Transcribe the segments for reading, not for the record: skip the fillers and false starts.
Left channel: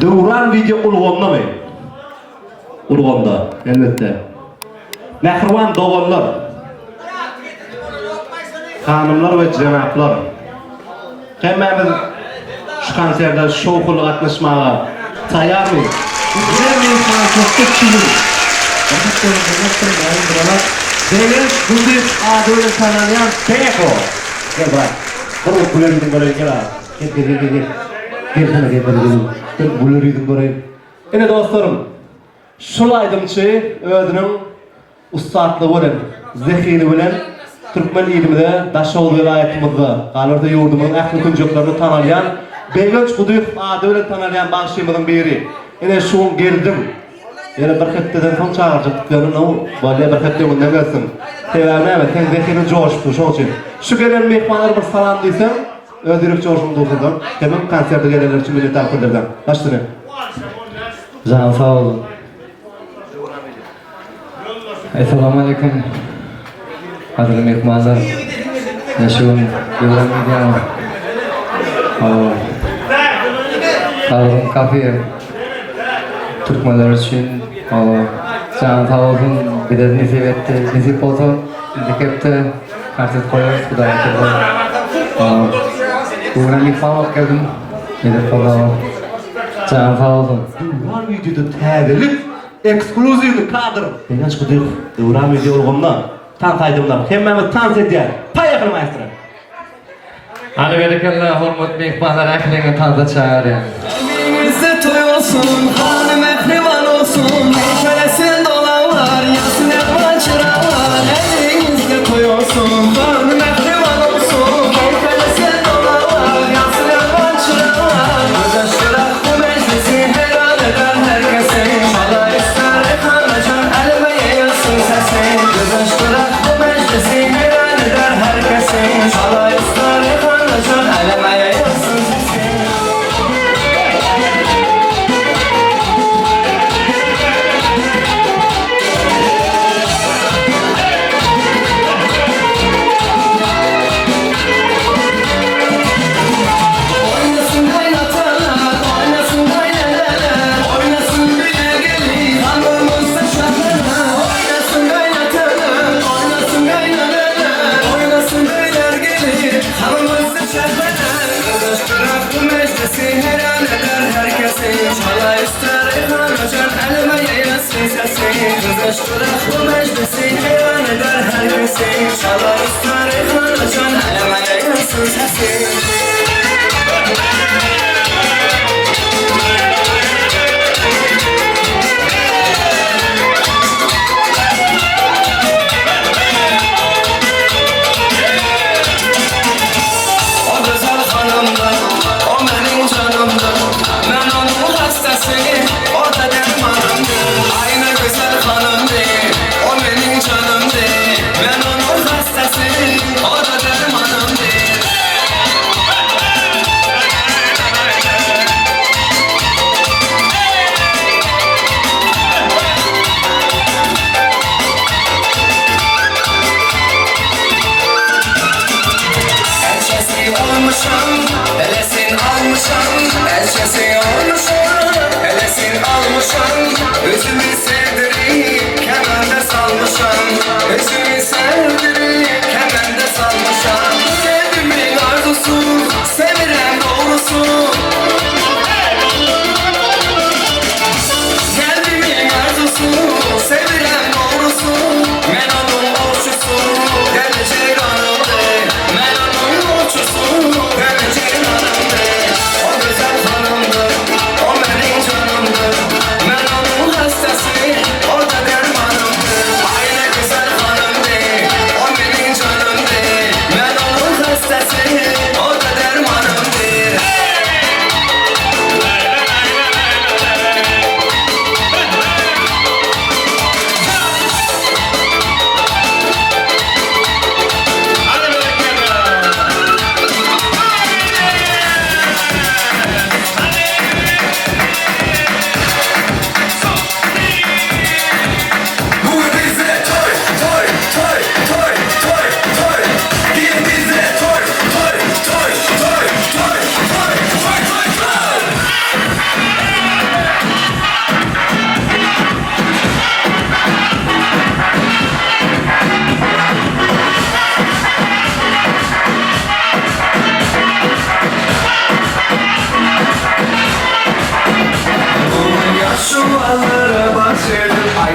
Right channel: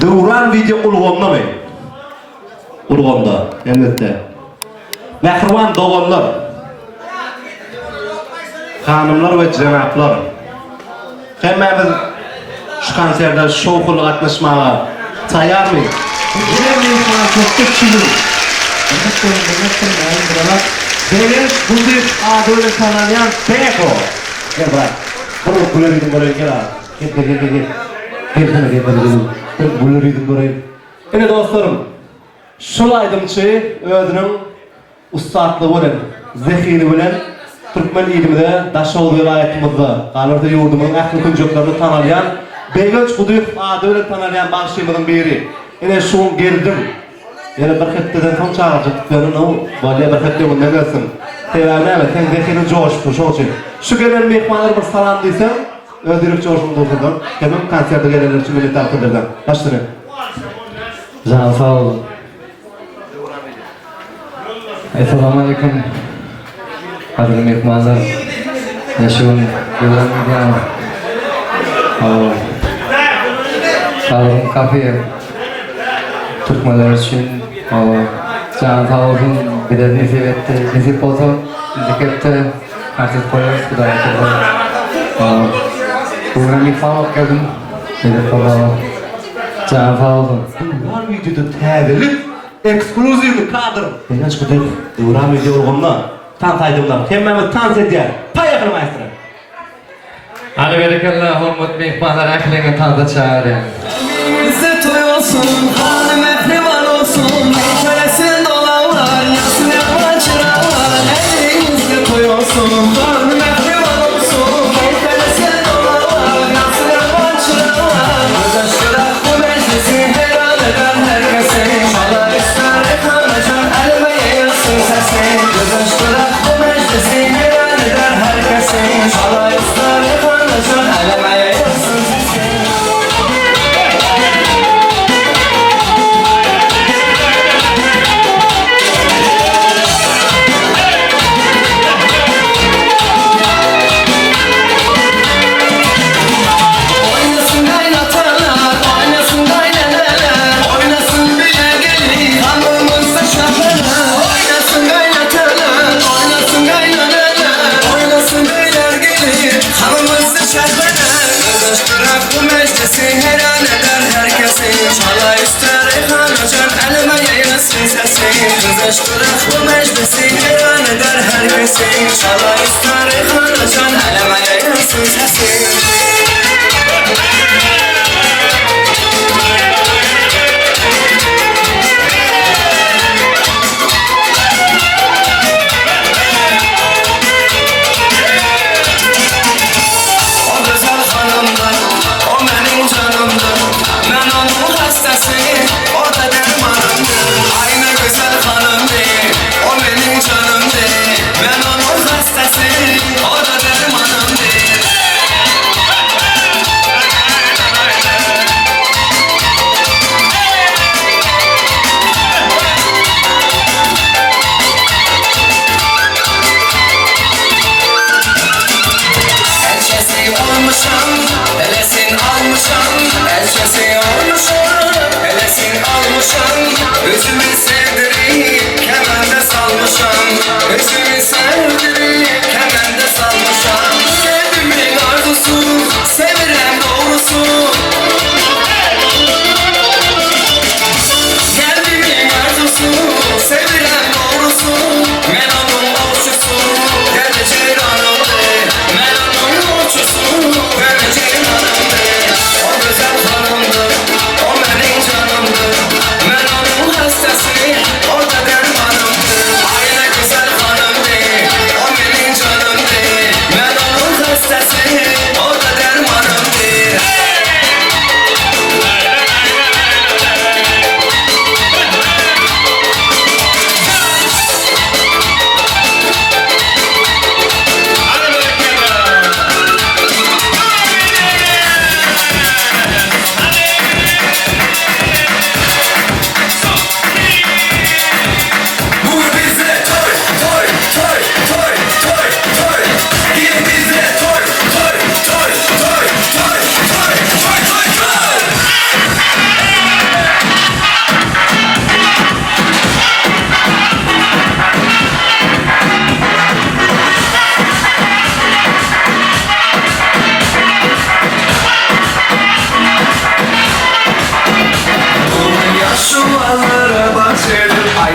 Dövran video ulğonda mı? Ulğonda, elbette. Mehriban doğanlar, hanımlar ve cenaplar, hemmemiz şu konserde şovkulu atmışmağa tayar mıyız? Güzel bir konsertte kilim. Demiş, bunduk adıyla tanıyan Beko. Gel bırak. Bunu bulurydum buraya gel abi. Gel. Gel bulurydum buraya. Yine dostlarım, şulaydımçı ödünün ustaatlığı bilen, zekini bilen Türkmen ilimide Daşoğlu vilayetimizde, Galırda yurdumun ähli küncüklerini tanıyan, Beygönç Kuduyuk adıyla tanıyan bağışçımızın biri. Yine şun geldim. Yine bir hepteden son çağıracaktıklarını o böyle bir hepteden ne gelsin. Tevâne evet, sen zekini coşmuş o için. Şu gelen mehmanlar bir salam diysen, öldürüp coşmuş olsundan. Hemen konserde gelenler için millet kılırdan. Başlayın. Canım sağ olun. Esselamu Aleyküm. Kadirli mehmanlar. Yaşıyorum. Yoldan gidiyorum. Sağolun kafeye. Türkmenler için. Canım sağ olun. Bir de nisip etti. Nisip olsun. Dikepte. Karşıt koyuyoruz. Kudaya kadar. Bugün bir falan okuyordum. Bir de falan. Canım sağ olun. Var videoda tədilik, ekskluzivli kadr. Beynəç Kuduyuk, Dövran video olğundan. Tanıtaydımlar. Hemmemiz tanıt ediyor. Payaklı maestro. Ali berekallah, hormat mehmanlar ahlini tanıda çağırın. Bize toy olsun, halim mehriban olsun. Neşelesin dolanlar, yansın yapan çıralar. Elimizde toy olsun, halim mehriban olsun. Neşelesin dolanlar, yansın yapan çıralar. Ödeştirak bu meclisi helal eden herkesin. Şalay ister ekranacak, elime yayılsın sesin. Ödeştirak bu meclisi helal eden herkesin. Şalay ister ekranacak, elime yayılsın sesin. Oynasın kaynatalar, oynasın kayneneler, oynasın bile gelin, hanımızda şahlarlar. Oynasın kaynatalar, oynasın kayneneler, oynasın beyler gelin, hanımızda şahlarlar. Kızıştırak bu meclisi helal eder herkesin. Çala ister reyhan açar, elime yayılsın sesin. Kızıştırak bu meclisi helal eder herkesin. Çala ister reyhan açar, elime yayılsın sesin. O güzel hanımdır, o benim canımdır. Ben onun hastasıyım, o da dermanımdır. Aynı güzel hanım değil, o benim canım değil. Ben onun hastasıyım, o da dermanım değil. Elçesi olmuşam, elesin almışam. Elçesi olmuşam, elesin almışam. Üzümü sevdirip kemende salmışam. Üzümü sevdirip kemende salmışam. Sevdimin arzusu, sevirem doğrusu. Kalbimin arzusu, sevirem doğrusu. Ben onun olçusu, geleceğin hanımdı. Ben onun olçusu, geleceğin hanımdı. O güzel hanımdır, o benim canımdır. Ben onun hastasıyım.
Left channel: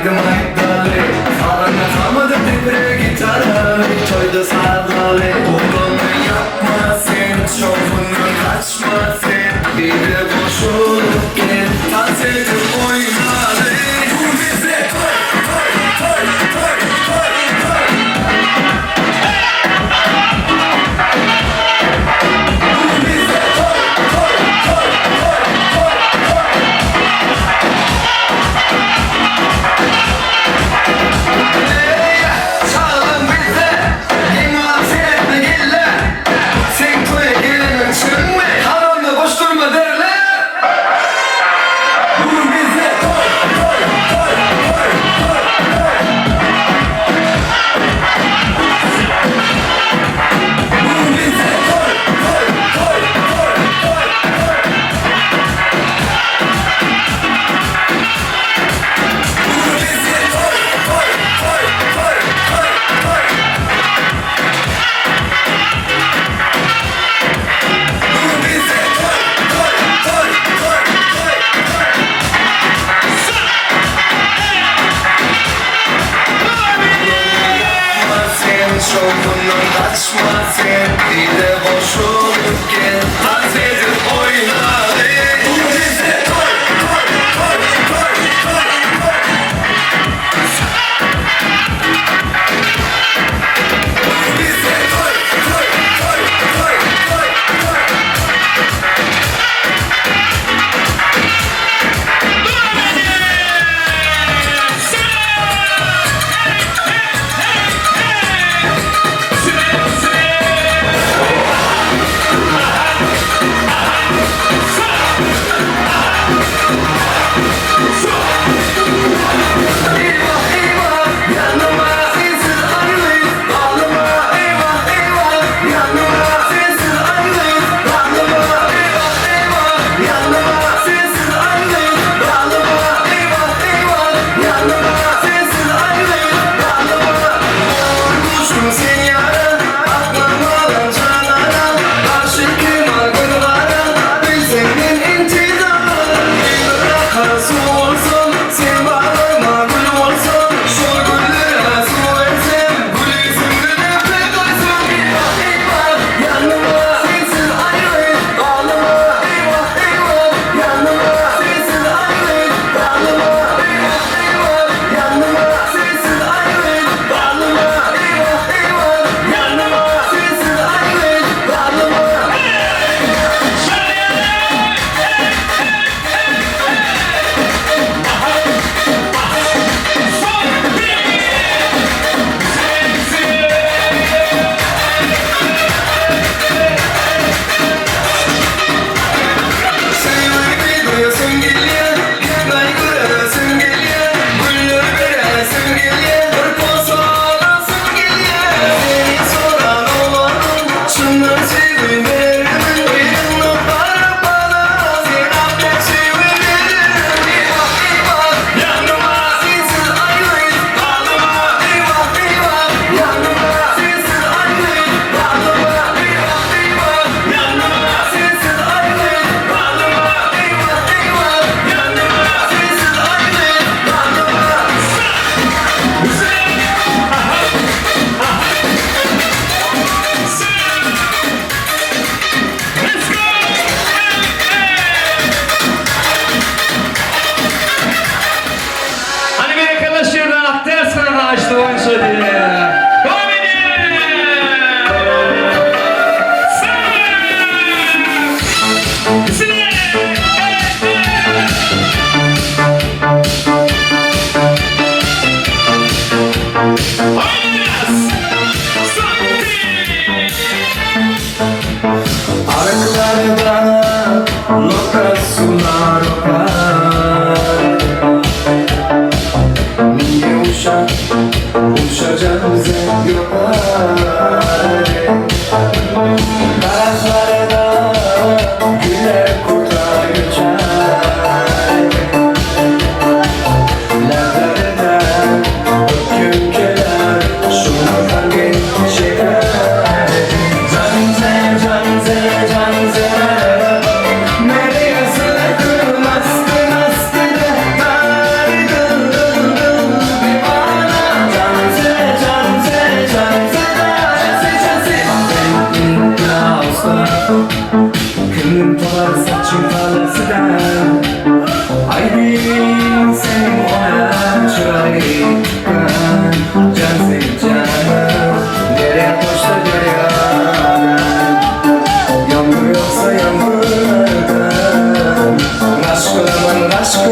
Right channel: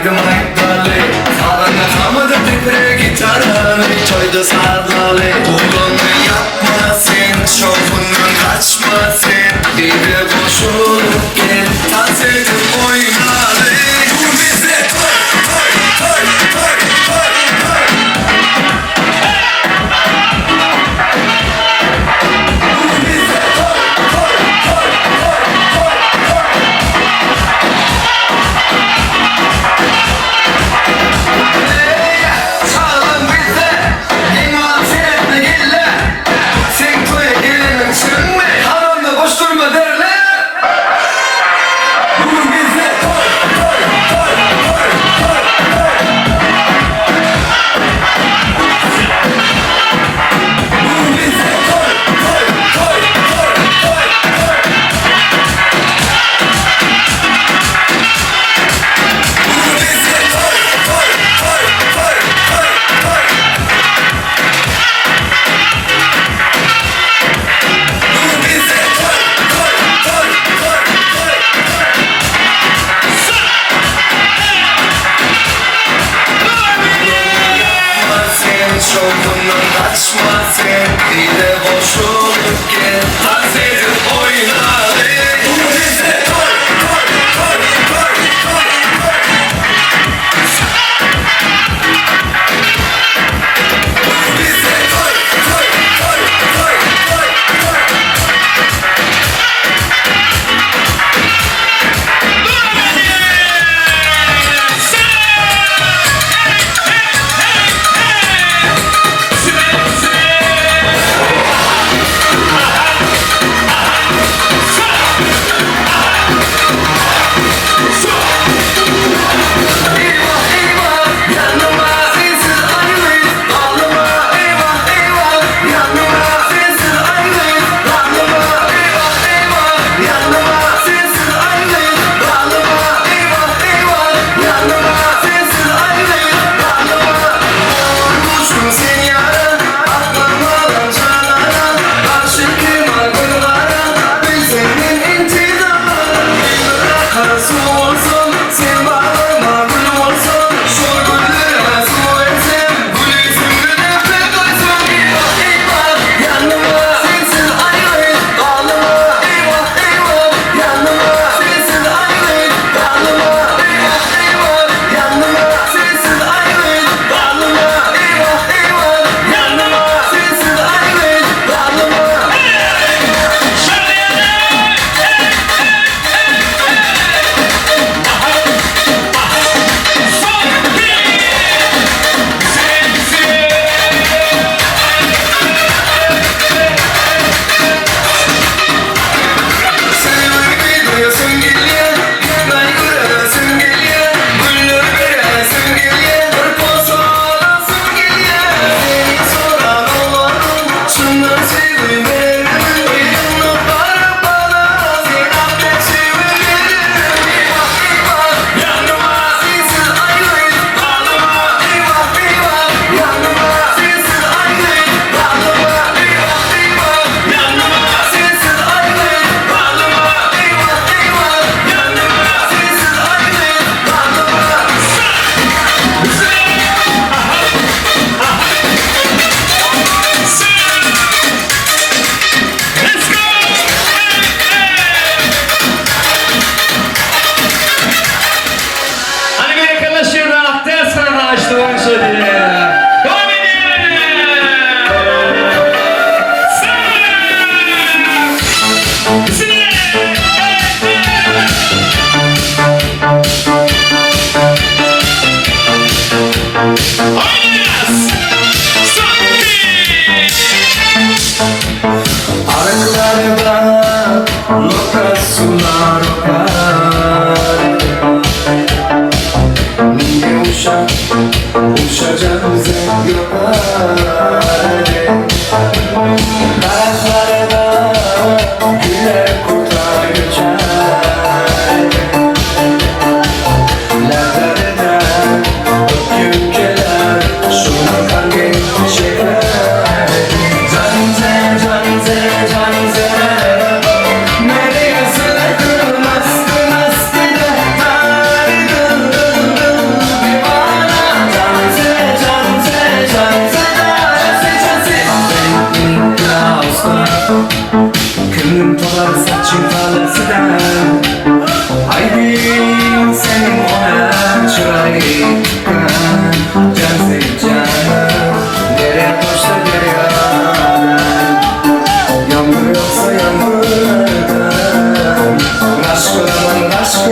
Haydi maydali Anlatamadı pipre gitarı Çoydu sarlalı Oğlunu yapma sen Şofundan kaçma sen Bir de boşulup gel Tazedim oynalı Bu bize toy toy toy toy toy Bu bize toy toy Çalın bize İman senetme gille Sen toya gelenin sürme Haramda boş durma derler Bu bize toy toy toy toy toy toy Bu bize toy toy toy toy toy toy Bu bize toy toy toy toy toy toy Bu bize toy toy toy toy toy Yapma sen şokundan kaçma sen Bir de boş olup gel Tazedir oynadı Bu bize toy toy toy toy toy toy Bu bize toy toy toy toy toy toy Eyvah eyvah yanıma sensiz ayrıyız Ağlama eyvah eyvah yanıma sensiz ayrıyız Ağlama eyvah eyvah yanıma sensiz ayrıyız Ağlama eyvah eyvah yanıma sensiz ayrıyız Ağlama Vurmuşum seni yara aklıma alan canlara Karşı kıyma gırlara bir senin intizamı Yıllara karası olsun sen bağlama gül olsun Şu güllere su etsem gül yüzümde pek olsun Eyvah eyvah yanıma sensiz ayrıyız Ağlama eyvah eyvah yanıma sensiz ayrıyız Ağlama eyvah eyvah yanıma sensiz ayrıyız Ağlama eyvah eyvah yanıma sensiz ayrıyız Ağlama Sevmeyi duyasın geliyor Yemay göresin geliyor Güller veresin geliyor Hırpoz ağlasın geliyor Seni soran olanın Şundan sevim veririm Elini para bana Sen affet sevim veririm Eyvah eyvah yanıma sensiz ayrıyız Ağlama eyvah eyvah yanıma sensiz ayrıyız Ağlama eyvah eyvah yanıma sensiz ayrıyız Ağlama eyvah eyvah yanıma sensiz ayrıyız Hani bir arkadaşlarla aktar sana açtı onu söyledi. Arıklarda lokal sular var Niye uçacağım zeng yapar Karaklarda güller kurtar göçer Lerlerine öpkünkeler şunu kalbin şeker Canze, canze, canze Nereye sığdın astına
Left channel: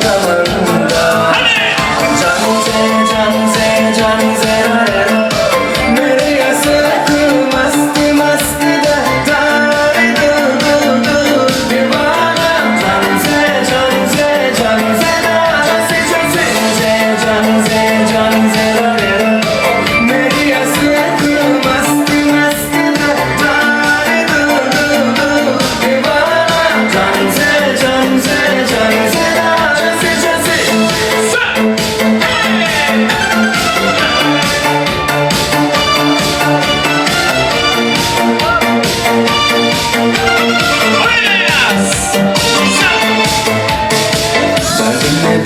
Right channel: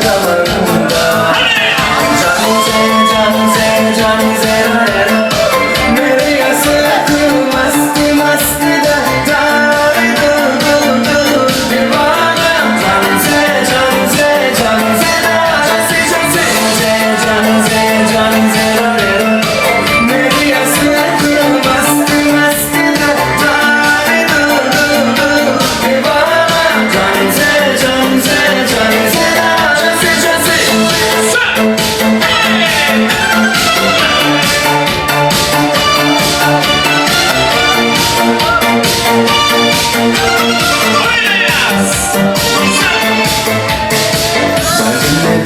kıramında Canize मेरे असर मस्त मस्त दाई दीवाना Canize मेरी असर मस्त मस्त दाई दीवाना Canize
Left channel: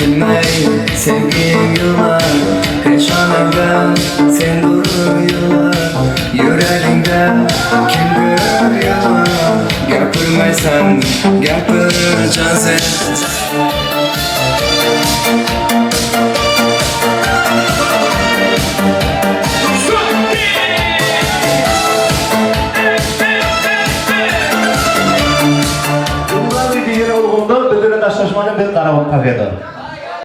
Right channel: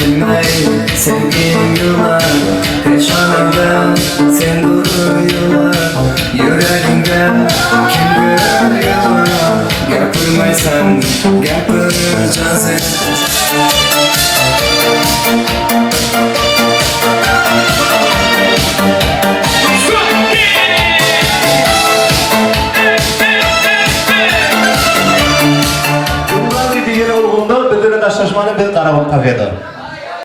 Bilmeyi sevgin yılan Peşanımda sen duruyorlar Yüreğimde kim görüyor Gapırmaysan gapıracaksın Bunlar bir diğer olgunda bedene taşlaşmanın bir karabı takıydı.